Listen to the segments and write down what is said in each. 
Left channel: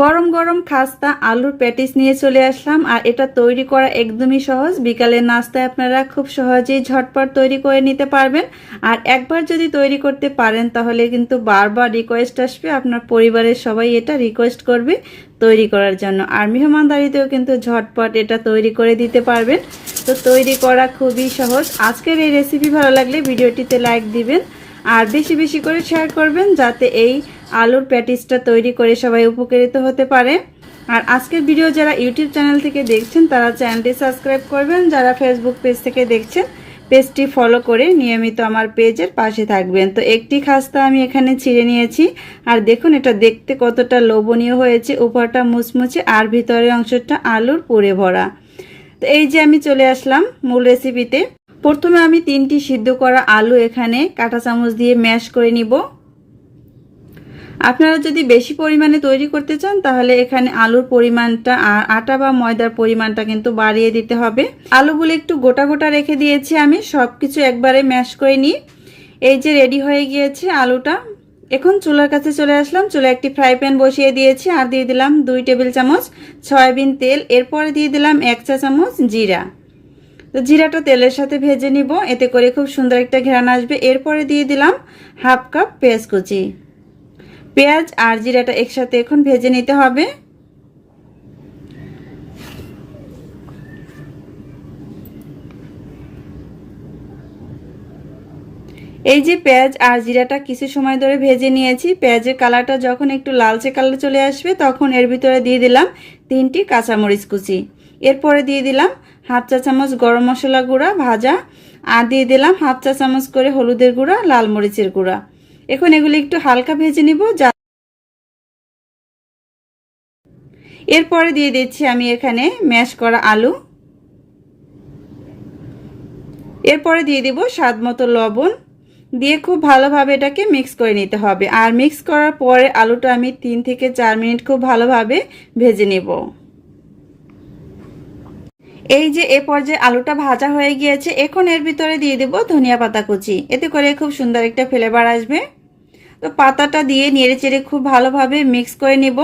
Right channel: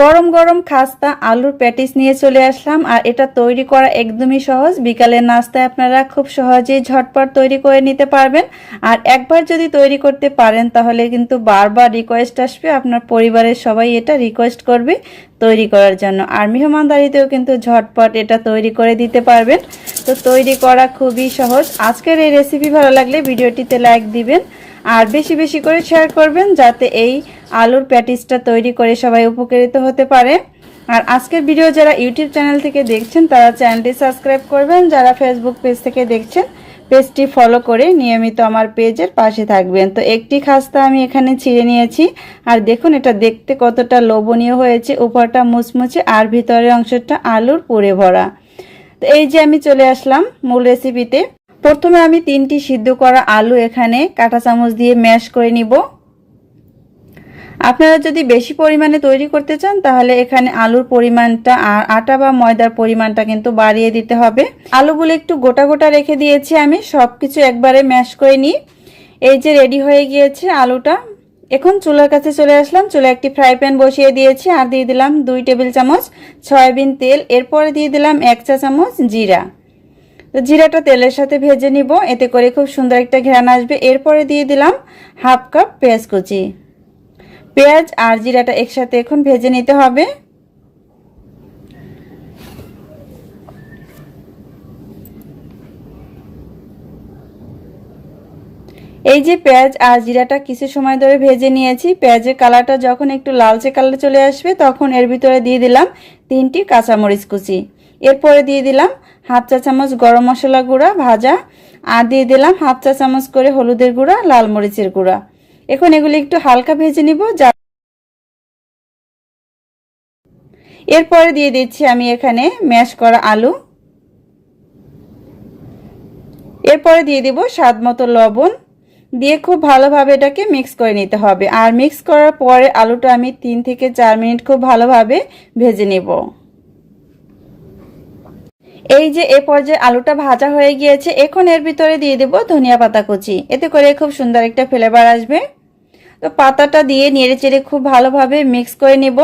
গরম গরম খাস্তা, আলুর প্যাটিস নিয়ে চলে আসলাম, আর এটা তৈরি করা একদমই সহজ। বিকালের নাস্তায় আপনারা খুব সহজেই ঝটপট তৈরি করে নিতে পারবেন। আর একবার যদি তৈরি করতে পারেন, তাহলে কিন্তু বারবার রিকোয়েস্ট আসবে। আপনার পরিবারের সবাই এটা রিকোয়েস্ট করবে তৈরি করার জন্য। আর মেহমানদারিতেও কিন্তু ঝটপট এটা তৈরি করে দিতে পারবেন। তো তৈরি করা খুবই সহজ। আজকের এই রেসিপি ভালো লাগলে ভিডিওটিতে লাইক দিবেন, আর বেশি বেশি করে শেয়ার করবেন, যাতে এই আলুর প্যাটিসটা তৈরি করে সবাই উপকৃত হতে পারে। আর আজকের ভিডিও যারা ইউটিউব চ্যানেল থেকে দেখছেন, তারা চ্যানেলটি সাবস্ক্রাইব করবেন। যারা ফেসবুক পেজ থেকে দেখছেন, পেজটি ফলো করে নিয়মিত আমার পেজের পাশে থাকবেন। তো একটি খাস্তা আমি এখানে ছিঁড়ে নিয়েছি। আর দেখুন, এটা দেখতে কতটা লোভনীয় হয়েছে। উপরটা মুচমুচে আর ভিতরের অংশটা আলুর পুরে ভরা। তো এই যে আমি চলে আসলাম মূল রেসিপিতে প্রথমে আমি তিনটি সিদ্ধ করা আলু এখানে কাঁটা চামচ দিয়ে ম্যাশ করে নিব। আপনারা যদি বেশি পরিমাণে তৈরি করতে চান, তাহলে এখানে আলুর পরিমাণটা আর আটা বা ময়দার পরিমাণটা কিন্তু বাড়িয়ে দিতে হবে। আলুগুলো একটু গোটা গোটা রেখে দিয়েছি আমি সব কিছু একবারে ম্যাশ করে নিই। এই যে রেডি হয়ে গিয়েছে আলুটা। এখন চুলার কাছে চলে আসলাম চুলা একটি ফ্রাই প্যান বসিয়ে দিয়েছি আর দিয়ে দিলাম দুই টেবিল চামচ সয়াবিন তেল। এরপরে দিয়ে দিলাম এক চা চামচ জিরা। তো জিরাটা তেলের সাথে ভেজে নিব, এতে করে খুব সুন্দর একটা ঘ্রাণ আসবে। এরপরে দিয়ে দিলাম হাফ কাপ পেঁয়াজ কুচি। পেঁয়াজ আর জিরাটা একসাথে এখন ভেজে নিতে হবে। এই যে পেঁয়াজ আর জিরাটা কিছু সময় ধরে ভেজে নিয়েছি, পেঁয়াজের কালারটা যখন একটু লালচে কালার চলে আসবে, তখন এর ভিতরে দিয়ে দিলাম তিনটি কাঁচামরিচ কুচি। এরপরে দিয়ে দিলাম হাফ চা চামচ গরম মশলা গুঁড়া ভাজা, আর দিয়ে দিলাম হাফ চা চামচ করে হলুদের গুঁড়া, লাল মরিচের গুঁড়া। এখন এগুলি একটু হালকা ভেজে নিব, যা এরপরে দিয়ে দিচ্ছি আমি এখানে ম্যাশ করা আলু। এরপরে দিয়ে দিব স্বাদ মতো লবণ। দিয়ে খুব ভালোভাবে এটাকে মিক্স করে নিতে হবে। আর মিক্স করার পরে আলুটা আমি তিন থেকে চার মিনিট খুব ভালোভাবে ভেজে নেব। এই যে এ পর্যায়ে আলুটা ভাজা হয়ে গিয়েছে, এখন এর ভিতরে দিয়ে দেব ধনিয়া পাতা কুচি। এতে করে খুব সুন্দর একটা ফ্লেভার আসবে। তো পাতাটা দিয়ে নেড়ে চেড়ে খুব ভালোভাবে মিক্স করে নেব।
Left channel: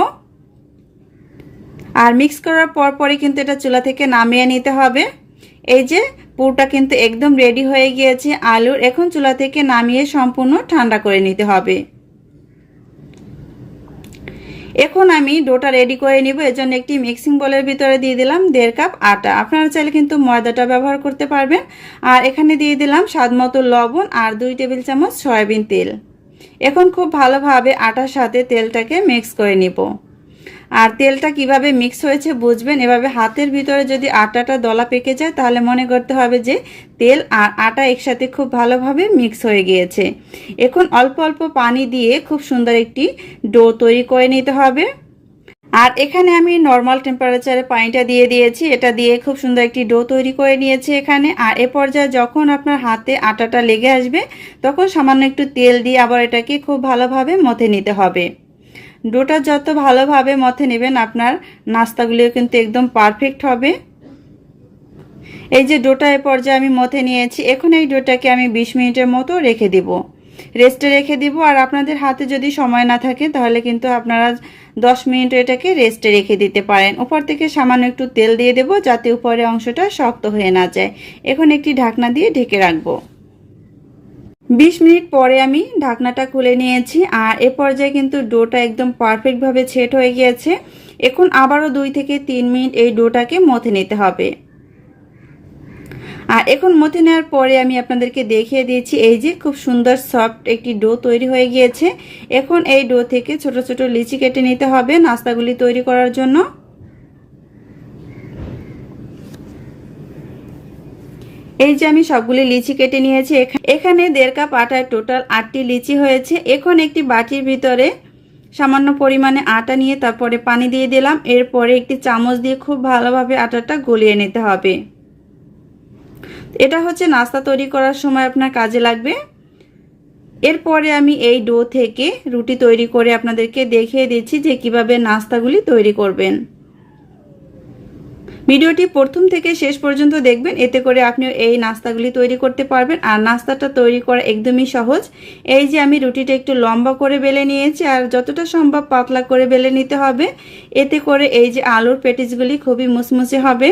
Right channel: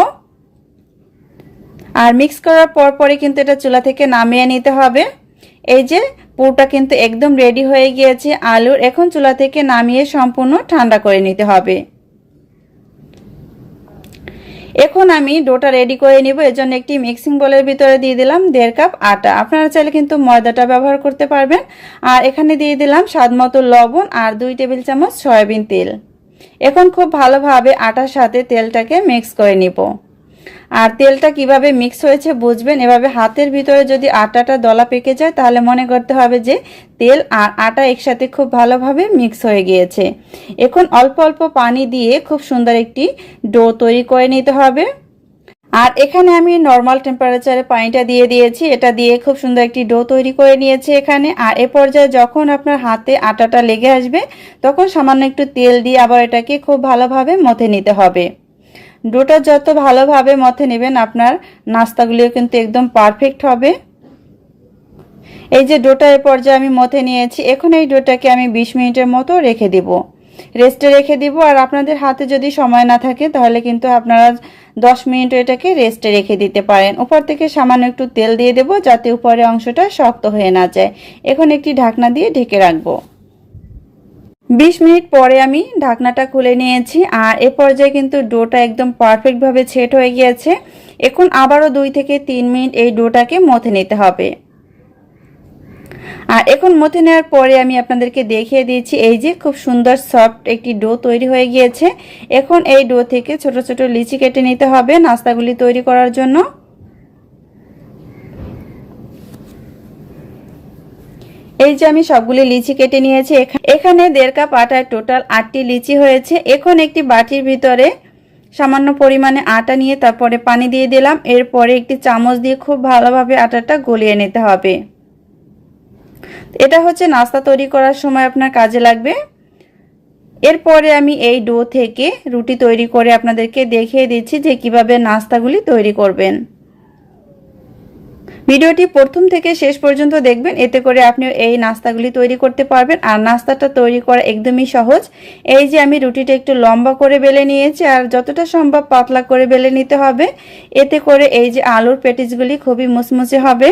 আর মিক্স করার পর পরে কিন্তু এটা চুলা থেকে নামিয়ে নিতে হবে। এই যে পুরটা কিন্তু একদম রেডি হয়ে গিয়েছে, আলুর এখন চুলা থেকে নামিয়ে সম্পূর্ণ ঠান্ডা করে নিতে হবে। এখন আমি ডোটা রেডি করে নিব এর জন্য একটি মিক্সিং বোলের ভিতরে দিয়ে দিলাম দেড় কাপ আটা। আপনারা চাইলে কিন্তু ময়দাটা ব্যবহার করতে পারবেন। আর এখানে দিয়ে দিলাম স্বাদ মতো লবণ আর দুই টেবিল চামচ সয়াবিন তেল। এখন খুব ভালোভাবে আটার সাথে তেলটাকে মিক্স করে নিব। আর তেলটা কীভাবে মিক্স হয়েছে বুঝবেন? এভাবে হাতের ভিতরে যদি আটাটা দলা পেকে যায়, তাহলে মনে করতে হবে যে তেল আর আটা একসাথে খুব ভালোভাবে মিক্স হয়ে গিয়েছে। এখন অল্প অল্প পানি দিয়ে খুব সুন্দর একটি ডো তৈরি করে নিতে হবে। আর এখানে আমি নর্মাল টেম্পারেচারে পানিটা দিয়ে দিয়েছি। এটা দিয়ে খুব সুন্দর একটি ডো তৈরি করে নিয়েছি এখানে। আর এ পর্যায়ে যখন আপনার হাতে আটাটা লেগে আসবে, তখন সামান্য একটু তেল দিয়ে আবার এটাকে খুব ভালোভাবে মথে নিতে হবে। ডোটা যত ভালোভাবে মথে নেবেন আপনার নাস্তাগুলিও কিন্তু একদম পারফেক্ট হবে। এই যে ডোটা এ পর্যায়ে আমি মথে নিয়েছি, এখন এই ডোটাকে আমি বিশ মিনিটের মতো রেখে দিব। রেস্টে রেখে দিব, আর আপনাদের হাতে যদি সময় না থাকে তাহলে কিন্তু আপনারা দশ মিনিট এটাকে রেস্টে রেখে দিতে পারেন। উপর থেকে সামান্য একটু তেল দিয়ে দেবো, যাতে উপরের অংশটা শক্ত হয়ে না যায়। এখন একটি ঢাকনা দিয়ে ঢেকে রাখব। বিশ মিনিট পরে আমি ঢাকনাটা খুলে নিয়েছি আর এ পর্যায়ে কিন্তু ডোটা একদম পারফেক্টভাবে ছেট হয়ে গিয়েছে। এখন আবারও দুই থেকে তিন মিনিট এই ডোটাকে মথে নিতে হবে। আর এখন মথে নেওয়ার পরে আমি আপনাদেরকে দেখিয়ে দিয়েছি এই যে খুব সুন্দর সফট একটি ডো তৈরি হয়ে গিয়েছে। এখন এই ডো থেকে ছোট ছোট লিচি কেটে নিতে হবে নাস্তাগুলি তৈরি করার জন্য। এই যে আমি সবগুলি লিচি কেটে নিয়েছি এখানে দেড় কাপ আটায় টোটাল আটটি লিচি হয়েছে। এখন একটি বাটির ভিতরে সামান্য পরিমাণে আটা নিয়ে তারপরে পানি দিয়ে দিলাম। এরপরে একটি চামচ দিয়ে খুব ভালোভাবে আটাটা গলিয়ে নিতে হবে। এটা হচ্ছে নাস্তা তৈরি করার সময় আপনার কাজে লাগবে। এরপরে আমি এই ডো থেকে রুটি তৈরি করে আপনাদেরকে দেখিয়ে দিচ্ছি যে কীভাবে নাস্তাগুলি তৈরি করবেন। ভিডিওটি প্রথম থেকে শেষ পর্যন্ত দেখবেন। এতে করে আপনি এই নাস্তাগুলি তৈরি করতে পারবেন। আর নাস্তাটা তৈরি করা একদমই সহজ। এই যে আমি রুটিটা একটু লম্বা করে বেলে নিয়েছি, আর যতটা সম্ভব পাতলা করে বেলে নিতে হবে। এতে করে এই যে আলুর পেটিসগুলি খুবই মুচমুচে হবে।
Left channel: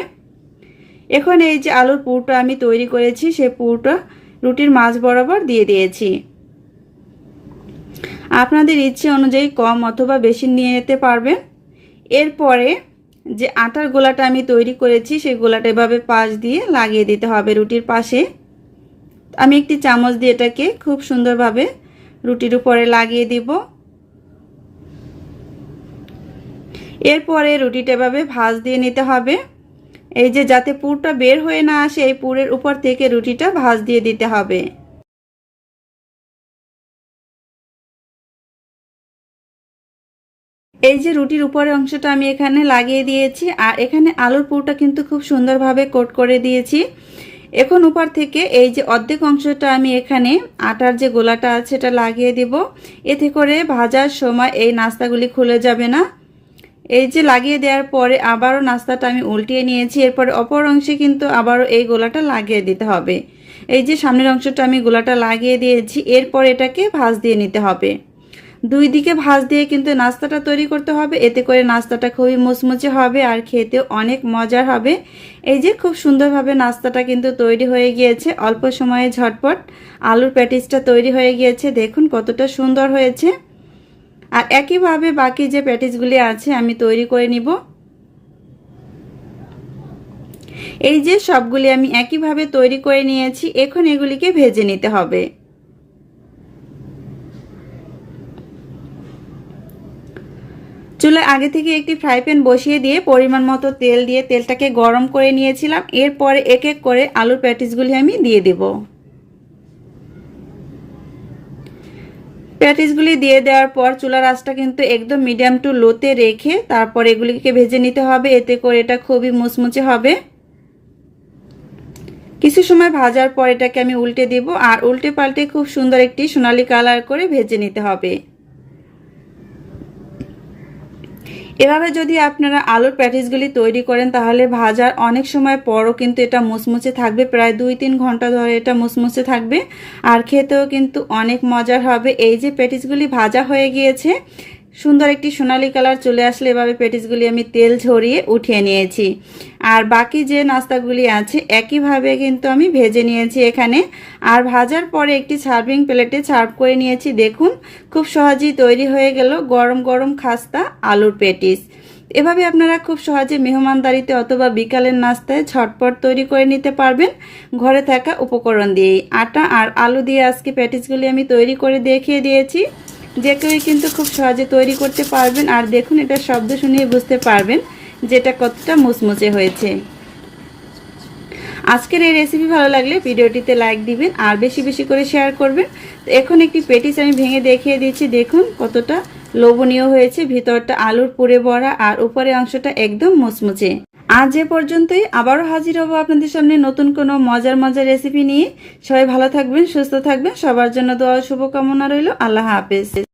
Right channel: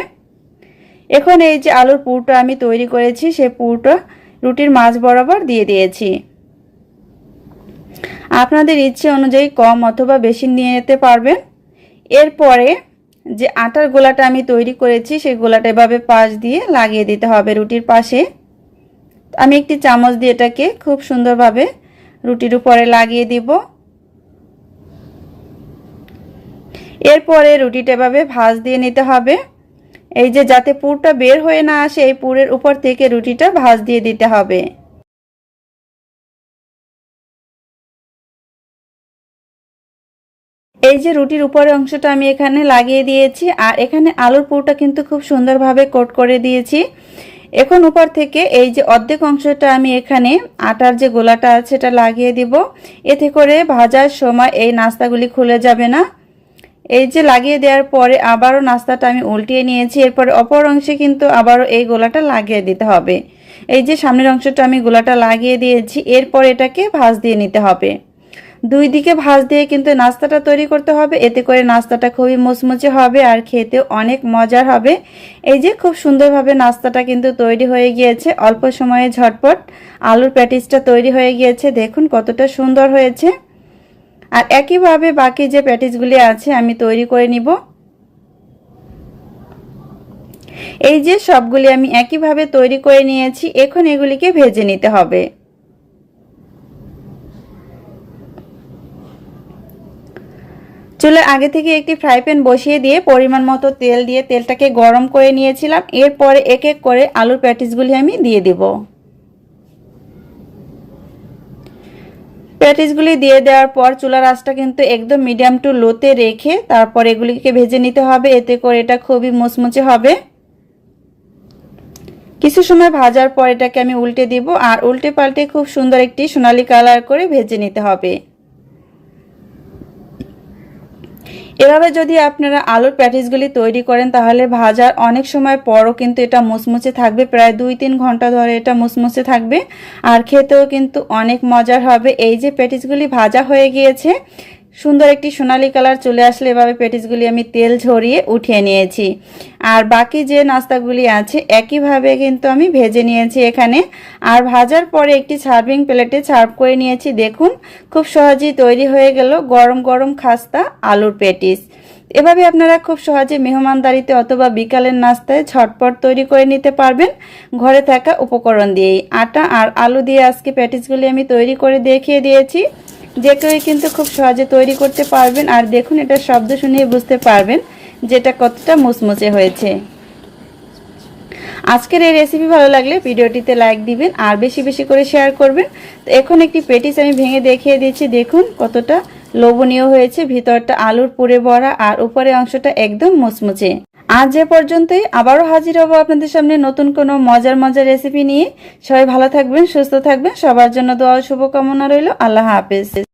এখন এই যে আলুর পুরটা আমি তৈরি করেছি সেই পুরটা রুটির মাছ বরাবর দিয়ে দিয়েছি। আপনাদের ইচ্ছে অনুযায়ী কম অথবা বেশি নিয়ে নিতে পারবেন। এরপরে যে আটার গোলাটা আমি তৈরি করেছি, সেই গোলাটা এভাবে পাশ দিয়ে লাগিয়ে দিতে হবে রুটির পাশে। আমি একটি চামচ দিয়ে এটাকে খুব সুন্দরভাবে রুটির উপরে লাগিয়ে দিব। এরপরে রুটিটা এভাবে ভাজ দিয়ে নিতে হবে। এই যে যাতে পুরটা বের হয়ে না আসে, এই পুরের উপর থেকে রুটিটা ভাজ দিয়ে দিতে হবে। এই যে রুটির উপরের অংশটা আমি এখানে লাগিয়ে দিয়েছি, আর এখানে আলুর পুরটা কিন্তু খুব সুন্দরভাবে কোট করে দিয়েছি। এখন উপর থেকে এই যে অর্ধেক অংশটা আমি এখানে আটার যে গোলাটা আছে এটা লাগিয়ে দিব। এতে করে ভাজার সময় এই নাস্তাগুলি খুলে যাবে না। এই যে লাগিয়ে দেওয়ার পরে আবারও নাস্তাটা আমি উল্টিয়ে নিয়েছি। এরপরে অপর অংশে কিন্তু আবারও এই গোলাটা লাগিয়ে দিতে হবে। এই যে সামনের অংশটা আমি গোলাটা লাগিয়ে দিয়েছি, এরপর এটাকে ভাজ দিয়ে নিতে হবে। দুই দিকে ভাজ দিয়ে কিন্তু নাস্তাটা তৈরি করতে হবে। এতে করে নাস্তাটা খুবই মুচমুচে হবে আর খেতে অনেক মজার হবে। এই যে খুব সুন্দরভাবে নাস্তাটা কিন্তু তৈরি হয়ে গিয়েছে। অল্প সময়ে ঝটপট আলুর প্যাটিসটা তৈরি হয়ে গিয়েছে। দেখুন কতটা সুন্দর হয়েছে। আর একইভাবে বাকি যে প্যাটিসগুলি আছে আমি তৈরি করে নিব। এই যে সবগুলি আমি একইভাবে তৈরি করে নিয়েছি। এখন এগুলিকে ভেজে নিতে হবে। চুলের আগে থেকে একটি ফ্রাই প্যান বসিয়ে দিয়ে পরিমাণ মতো তেল দিয়ে তেলটাকে গরম করে নিয়েছিলাম। এরপরে এক এক করে আলুর প্যাটিসগুলি আমি দিয়ে দেব। প্যাটিসগুলি দিয়ে দেওয়ার পর চুলার আঁচটা কিন্তু একদম মিডিয়াম টু লোতে রেখে তারপর এগুলিকে ভেজে নিতে হবে। এতে করে এটা খুবই মুচমুচে হবে। কিছু সময় ভাজার পর এটাকে আমি উল্টে দিব। আর উল্টে পাল্টে খুব সুন্দর একটি সোনালি কালার করে ভেজে নিতে হবে। এভাবে যদি আপনারা আলুর প্যাটিসগুলি তৈরি করেন, তাহলে ভাজার অনেক সময় পরও কিন্তু এটা মুচমুচে থাকবে। প্রায় দুই তিন ঘণ্টা ধরে এটা মুচমুচে থাকবে। আর খেতেও কিন্তু অনেক মজার হবে। এই যে প্যাটিসগুলি ভাজা হয়ে গিয়েছে সুন্দর একটি সোনালি কালার চলে আসলে এভাবে পেটিসগুলি আমি তেল ঝরিয়ে উঠিয়ে নিয়েছি। আর বাকি যে নাস্তাগুলি আছে, একইভাবে কিন্তু আমি ভেজে নিয়েছি এখানে। আর ভাজার পরে একটি সার্ভিং প্লেটে সার্ভ করে নিয়েছি। দেখুন, খুব সহজেই তৈরি হয়ে গেল গরম গরম খাস্তা আলুর পেটিস এভাবে আপনারা খুব সহজে মেহমানদারিতে অথবা বিকালের নাস্তায় ছটপট তৈরি করে নিতে পারবেন। ঘরে থাকা উপকরণ দিয়েই। আটা আর আলু দিয়ে আজকে প্যাটিসগুলি আমি তৈরি করে দেখিয়ে দিয়েছি। যে কেউই কিন্তু খুব সহজে তৈরি করতে পারবেন। আর দেখুন এটা শব্দ শুনিয়ে বুঝতে পারবেন যেটা কতটা মুচমুচে হয়েছে। আজকের এই রেসিপি ভালো লাগলে ভিডিওটিতে লাইক দিবেন আর বেশি বেশি করে শেয়ার করবেন। এখন একটি পেটিস আমি ভেঙে দেখিয়ে দিচ্ছি। দেখুন, কতটা লোভনীয় হয়েছে। ভিতরটা আলুর পুরে ভরা আর উপরে অংশটা একদম মুচমুচে। আজ যে পর্যন্তই। আবারও হাজির হব আপনাদের সামনে নতুন কোনো মজার মজার রেসিপি নিয়ে। সবাই ভালো থাকবেন, সুস্থ থাকবেন। সবার জন্য দোয়া শুভকামনা রইল। আল্লাহ হাফেজ।